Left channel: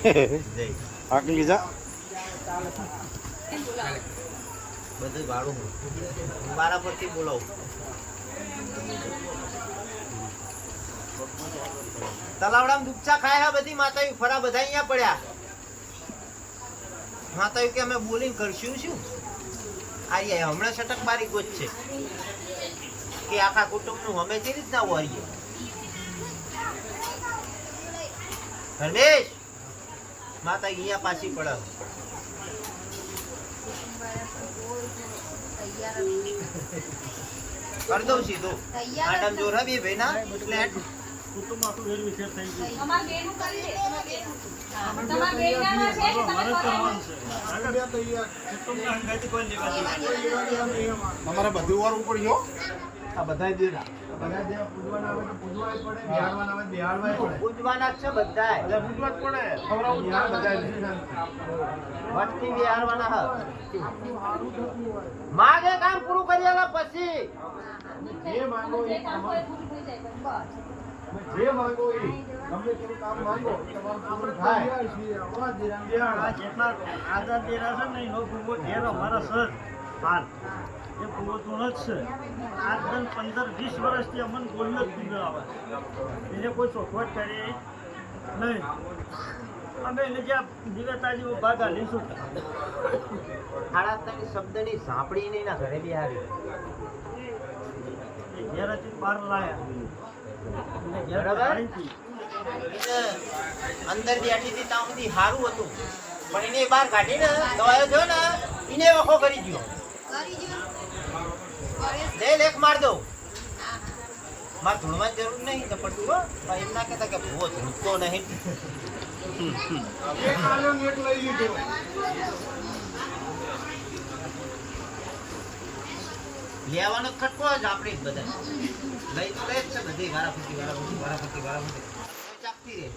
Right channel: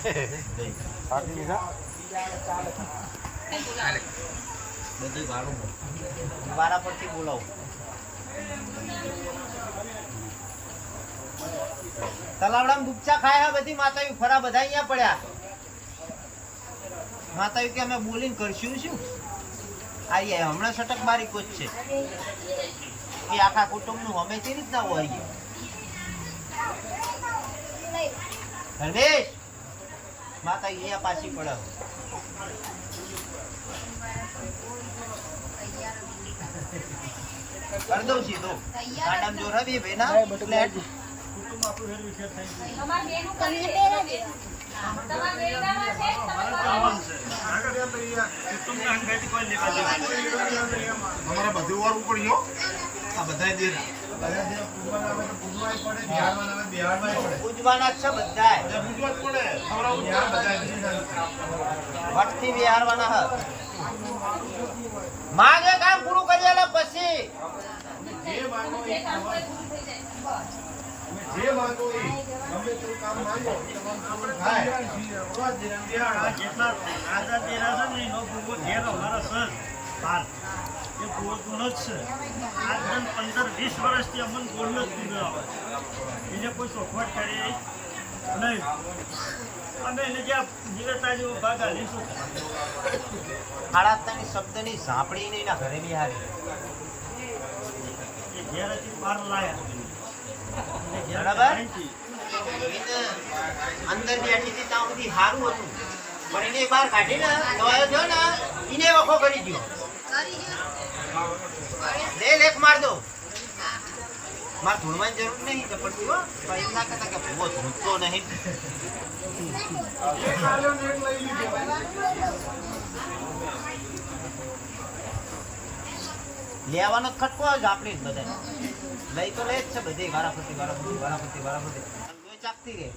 આટલી લીધા બધું પરથી બોલાવું તલાવડામાં ડૂબચા ખાયા હા બધી માતાઓ, ફરા બધા અહીંયા પડ્યા. માતાઓ કે અમે બોલિંગ કરશું શું? આઈએ, હમણાં સટક બારી કોચ છે. કે આખા કુટુંબનું અમે તે રીતના હોઈએ. ધર્મેશ! માતા અહીંયા પાછી પડાવ. કર દઉં સીધું કાંડામ જોર હે બે ભાઈના. એટલે તમારે બધું વાર ઉપર ગયો. આ બધા દેના. પૂજવાના છે માગે કામ પૂરું કરી પછી જે માંગો એ ગમે તેવું કામ માંગો તમામ પૂરું થાય જેટલા આઝાદ દેરા છે ને નો ભૂગો જે અમારા સર હાલ એ ભૂગો ગુનો જ છે આજન પંદર વીસ વર્ષથી અમને બોલ્યો જ ભૂગો આવે એને કોઈ ચોખવટ કરી નહીં. અમે એને જ્યાં જીવતા જેવો ભાગ હાલીશું સાડા ત્રણ શબ્દની ઝાંપડી નહીં ના ઘરે બી હારી ઘેરથી લાયા બરાબર? અંદર બેઠી હતી ત્યાં બધી સારું હતું. પણ એને બહાર કાઢીને દવાયો થયો ને એને વખો કરી ગયો લે લેખ માર દો. માર ધૂણવાની જરૂર નહીં તો પણ જુઓ, ભાઈ ના કે ભૂવો ધૂણતો નહીં. ને લેવાનો ખટકો જ આપણે જ બધા લઈ તો લે જ છે બધી વારાફરતી વારાફરતી વારાફરતી વારાફરતી. ચાકતી રહે.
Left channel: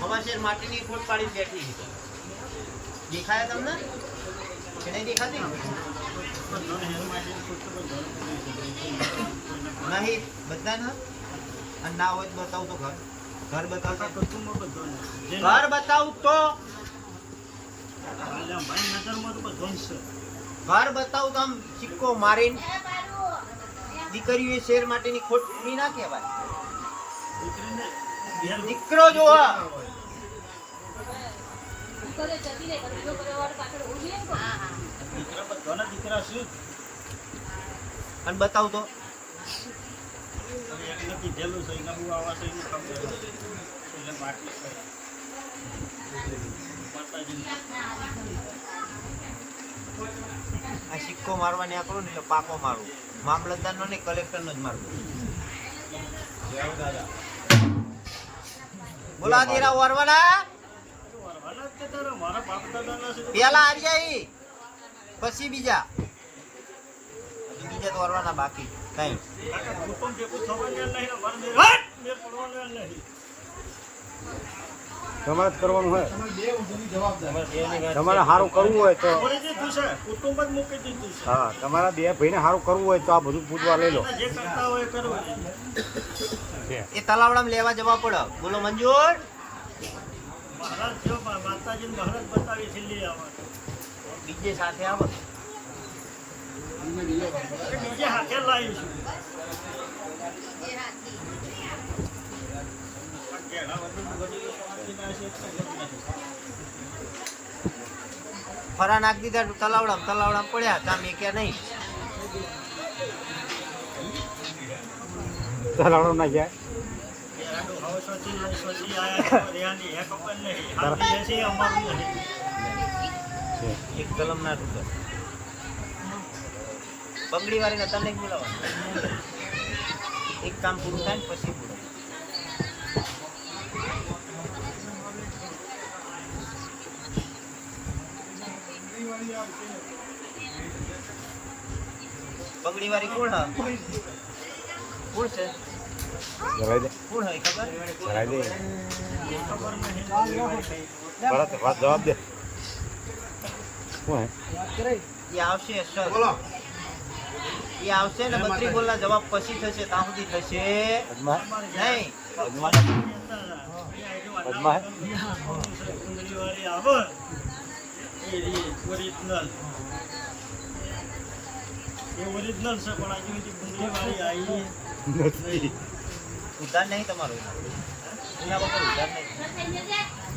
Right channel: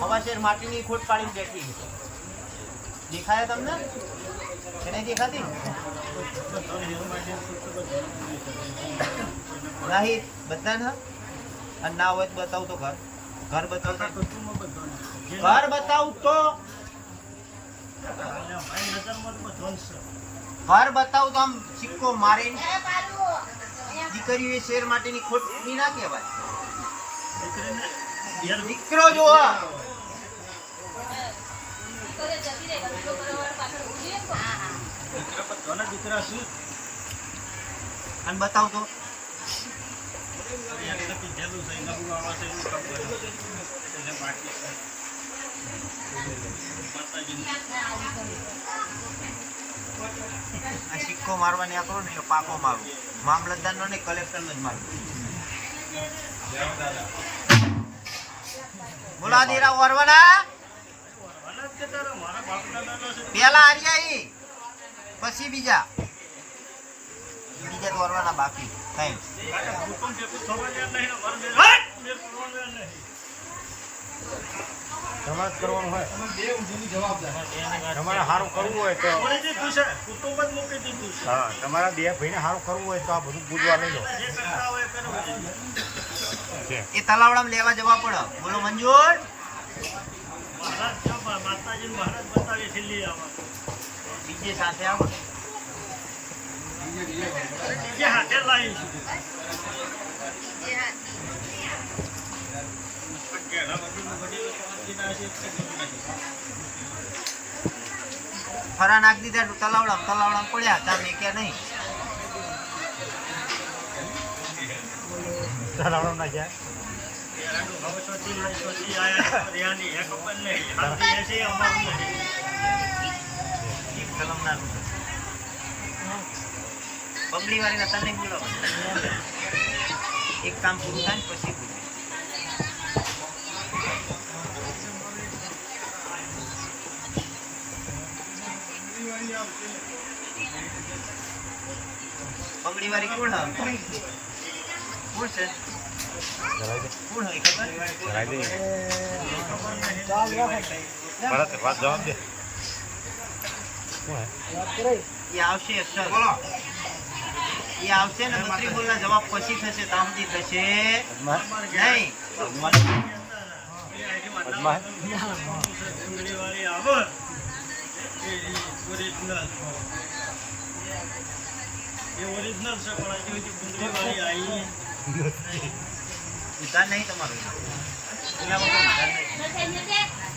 હવા શેર માટીની ખોટ પાડીને બેઠી દેખાયા તમને? કે નહીં દેખાતી? નહીં બધા ને અને ના હોય તો બતાવું તો ઘર. ઘર બતાવું તો ઘર બતાવું તો મારી ઘર બતાવું તો આમ સિક્કો મારીને દીકરીઓ શેર માટેની ખોટ ના કહેવાય. દીકરો જો કોના અને બતાવું તો. આ સિક્કો મારવાની આ કરો ને એટલે પાકો મારું. મામલતદારનો ને બોલા દેરા વરવાના આના જ મારા. બાપ દાદા છે પેલા આર્યા પછી બીજા. બીજા તો વરવાના બાકી. કઈ? હુકમ જેટલું ખબર જ નહીં મારા બે- બે પરવાના નહીં. તમારે જ કરવાનું હોય. તમે બે ઊંધીની જવાબદાર તમારે સારું કરવું હોય તો. છોડી દીધું છે કુટુંબ જ મૂકી દીધું છે હા તમારે બે ભાઈને સારું કરવું હોય તો આ બધું પૂજવા લઈ લો. એ તલાવડામાં લેવા જવા પડે. બોલો મંજુર. માતાજી મહારાજ બતાવી છેલ્લી આવે. બીજે સાથે આવો બીજે હાથે જ લાવીશું ફરા નાખ દીધા તલાવડા તલાવડા પડ્યા તમે કે નહીં. તલાવડો ના જાય એક કલમ ના રૂપે બંગડી વાળી ના તને એક કામ પૂરું થાય ને પછી. બંગડી વાળી કોણ હા કોણ છે? કોણ હોય ખબર? જવાબ દે. એ આવશે અક્ષર એ આવશે ને બત્રી બોલના જવાબ પછી થશે ત્યાં સુધી થશે. નહીં. ઉધાર નહીં તમારું એના વગર ઉધાર નહીં.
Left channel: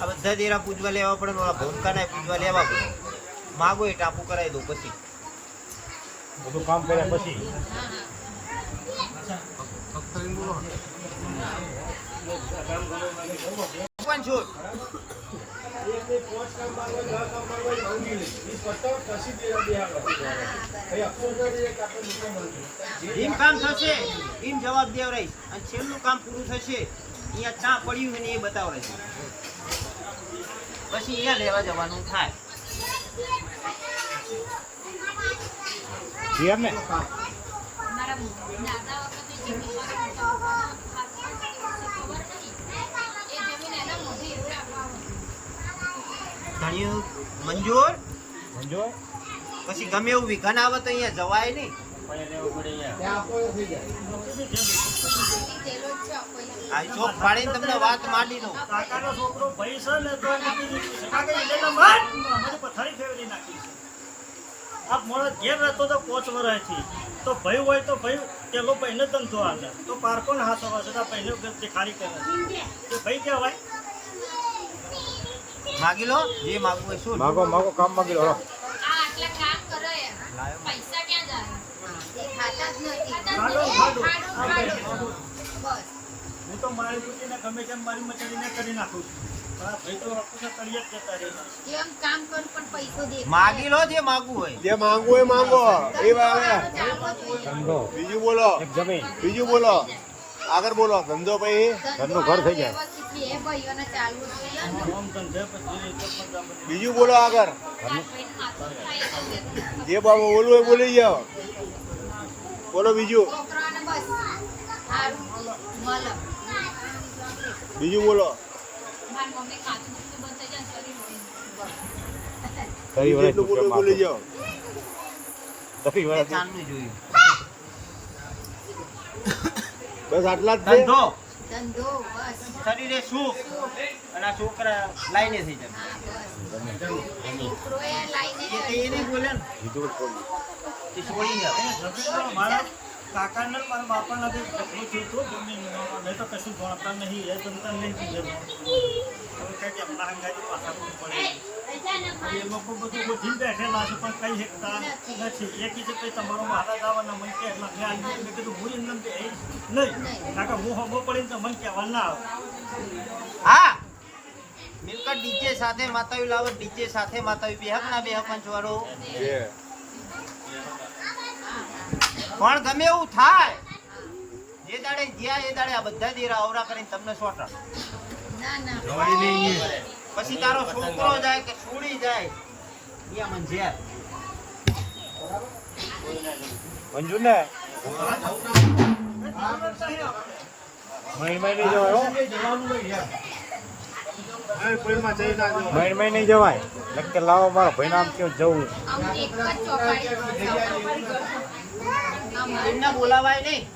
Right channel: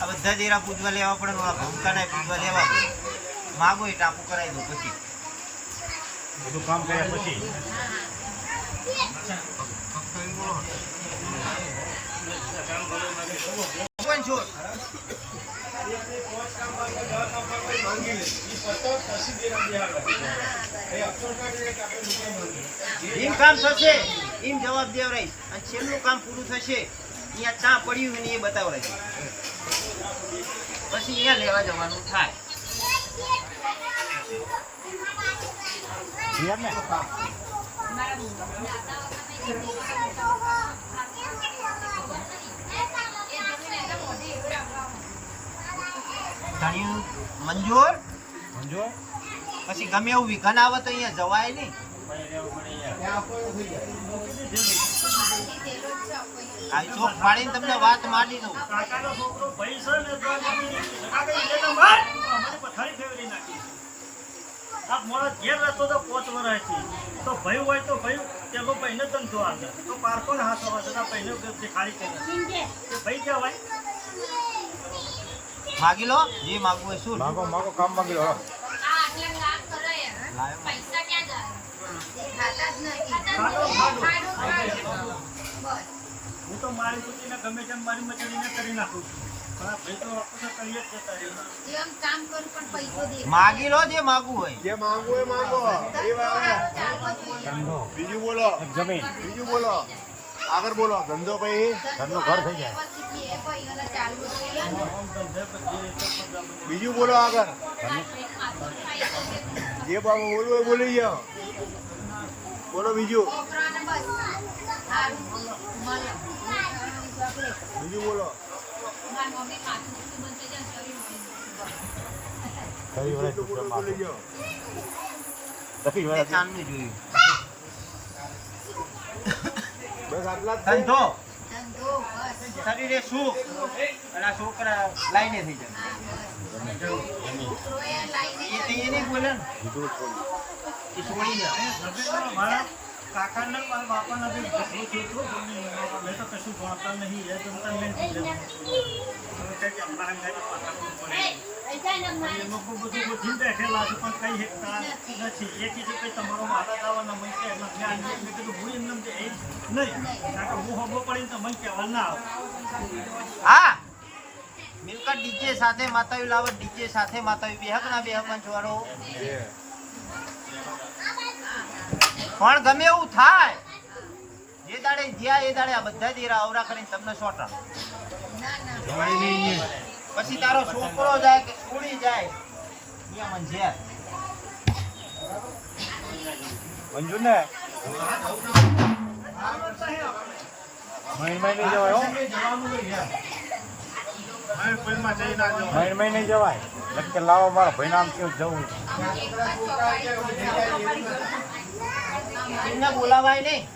આ બધા દેરા પૂજવા લેવા પડે ને ઓલા ભૂમકાના પૂજવા લેવા પડે. માગો એ ટાપુ કરાવી દો પછી. બધું કામ કર્યા પછી. પણ છો. એમ કામ થશે એમ જવાબ દેવ રહીશ અને છેલ્લું કામ પૂરું થશે. અહીંયા ચા પડ્યું હોય ને એ બતાવ રહીશ પછી અહીંયા લેવા જવાનું થાય. ધણિયું મંજૂર? પછી ગમે એવું વિઘન આવે તો અહીંયા જવાય નહીં. આ ચોક પાડીને તમને વાત માંડી દઉં કાકાનો ભાઈ છે ને તો એની સગાગરી લઈને માર. અમારી પથારી ફેરવી નાખી છે. આ મોડા ઘેર રહેતો તો પોચ વર્ષથી. તો ભાઈ હોય તો ભાઈ પેલો ભાઈને ધંધો આપે. તો પાર પણ હાથ આવે છે, તો ભાઈને ધંધે ખાલી કરે. તો ભાઈ કહેવાય. માગી લો જે માગવું હોય શું માગો માગો કામ માગી લો લાયો માડો, માડો. હું તો મારી દીકરીને ગમે તેમ મારી મચાડીને કરી નાખું છું. માગી લો જે માગવું હોય. જે માંગવું હોય માંગો. એ બીજું બોલો. બીજું બોલો. આગળ બોલો. ધંધો ભાઈ ઘરનું ઘર થઈ જાય. ધંધે બીજું બોલો આગળ. જે બાબુ બોલવું હોય બોલી જાઓ. બોલો બીજું. બીજું બોલો. કઈ વર્ષ જેટલું બોલવું હોય બોલી જાઓ. કઈ એ ચાંદની જોયું. બસ આટલા જ ધંધો. શરીરે સુખ અને આ છોકરા લાઈને થઈ જાય. એ તો એ નહીં બોલે ને. એ છોડી જાય કાકાને મારા બાપાના બી ઝઘડું થયું મેં તો કશું જાણતા નહીં એ તો તને નહીં કીધેલું. તો કહે કે મારે મેરા પાછળ થોડી. એમાં બહુ બધું બધી બેઠેલા છે પણ કઈ શકતા નથી એ કીધું કે માતા દાવાના મને કે એટલે મેં આને મેં કીધું ભૂલી ન દે એ નહીં કાકા હું હમો પડીને તો મને કહેવા ના આવે હા મિલકત ડીજે સાથે માતાવી લાવત ડીજે સાથે માતાવી બેહક ના બેહક પંચવારો. પણ ગમે એવું થાય. જે દાડે ગયા એ દાડે આ બધા દેરા અવરા કરીને તમને સોટા પછી તારો છોકરો જાય કે છોડી જાય અહીંયા મને ઝેર. મંજુ ને મહિને નહીં જવાય કોઈમાં જઈ ના મહિને નહીં જવાય. એટલે લાવો મારા ભાઈ નામ કયો જવું? એમને બોલાવાય નહીં.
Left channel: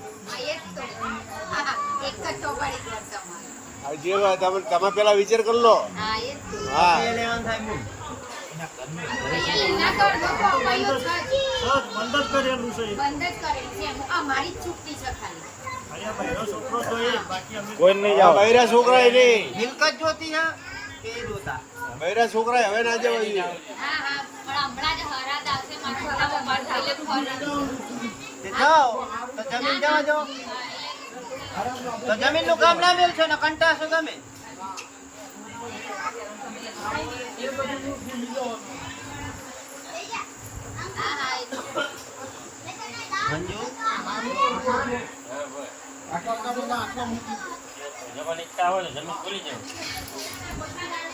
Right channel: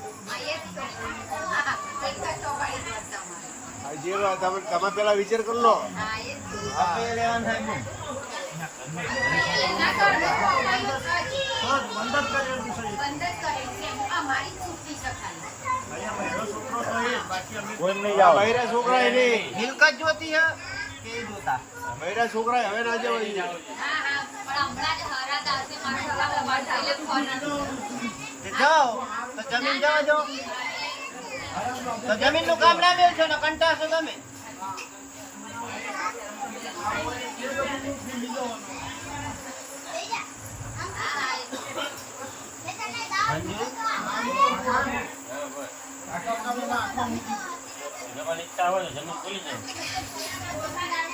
તમે પેલા વિચાર કરી લો. હા. લેવાનું થાય છે છે છોકરો મિલકત જોતી હે કે જોતા? બૈરા છોકરા હવે ના જવાય. જાઓ તો જમીન જવા દો. તો જમીનનું કામ ના મેળશો ને, કંટાશો તમે.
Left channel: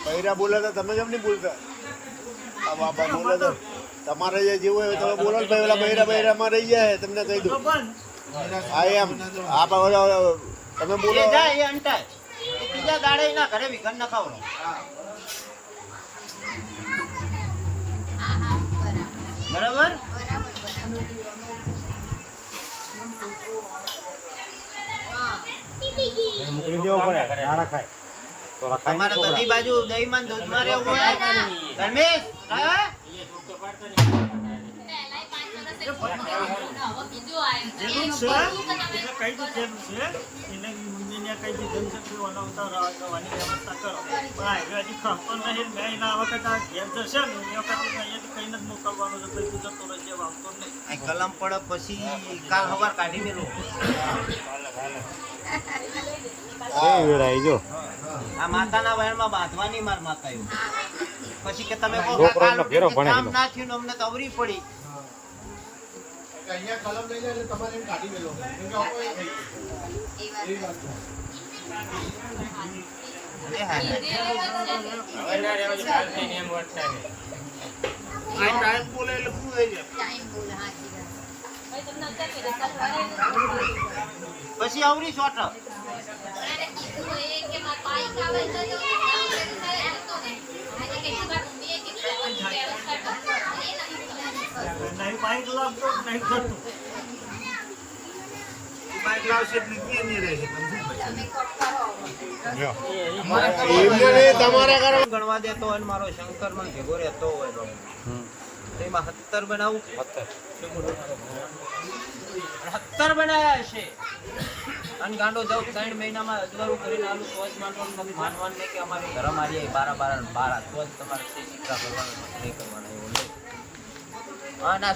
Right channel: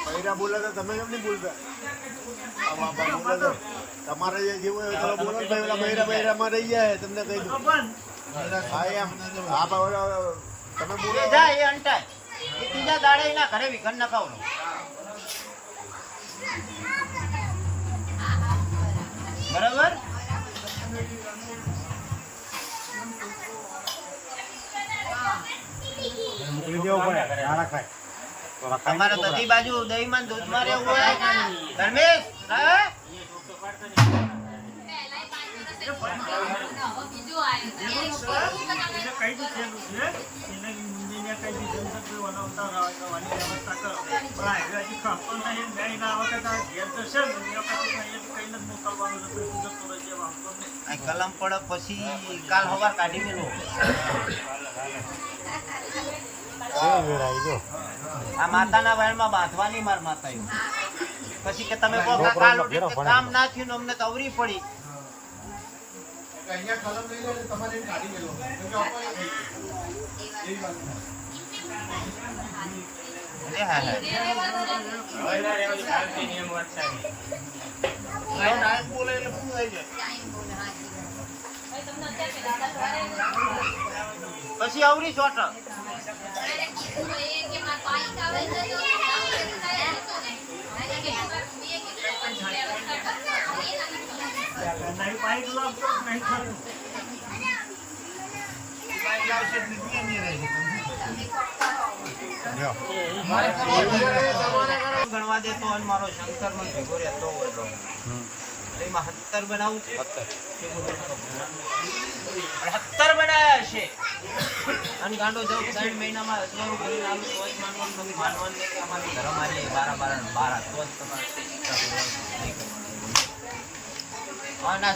બૈરા બોલાતા, તમે કેમ નહીં બોલતા? આ બાપા બોલાતા તમારે જે જેવું હોય તમે બોલો ભાઈ પેલા બૈરા બૈરા માં રહી જાય, તમને કહી દઉં. હા, એમ. આ તમે બોલો. જાય એ અંટાય. ત્રીજા દાડે એના ઘરે વિઘન ન ખાવડો બરાબર? તમારે બધી બાજુ દહીંમાં દૂધમાં રહેવું હોય ધર્મેશ, હા? કલમ પડે પછી કાલ હવાર કાઢી ગયેલો આ માતાના વહેણમાં બાંધવાની માર માતા એવું પછી કે તમે કહો કે કાલ ઉઠીને ઘેરો કે ભણેલો. કામ ના થયું ને અમને અવરી પડી. અરે હા હા. બોલે એટલે શું થઈ જાય? પછી અવરી ચોટ નહીં બાઈક લાવતો નહીં જતું એમને નહીં, તમારા કારણ ગણવા દેતો અને મારો શંકર મને ભેગો રહેતો એમાં સત્તર બનાવું સત્તર બનાવ્યા છે અને ગાંડો જાઉં ત્રણ મહિનામાં અજવાનું કરીને આલું તો જ માનવાનું તમે માનવાનું નહીં કે અમારી ધર્મ આવી બારા બારા બારા તો જ તમારે નહીં કરવાનું અને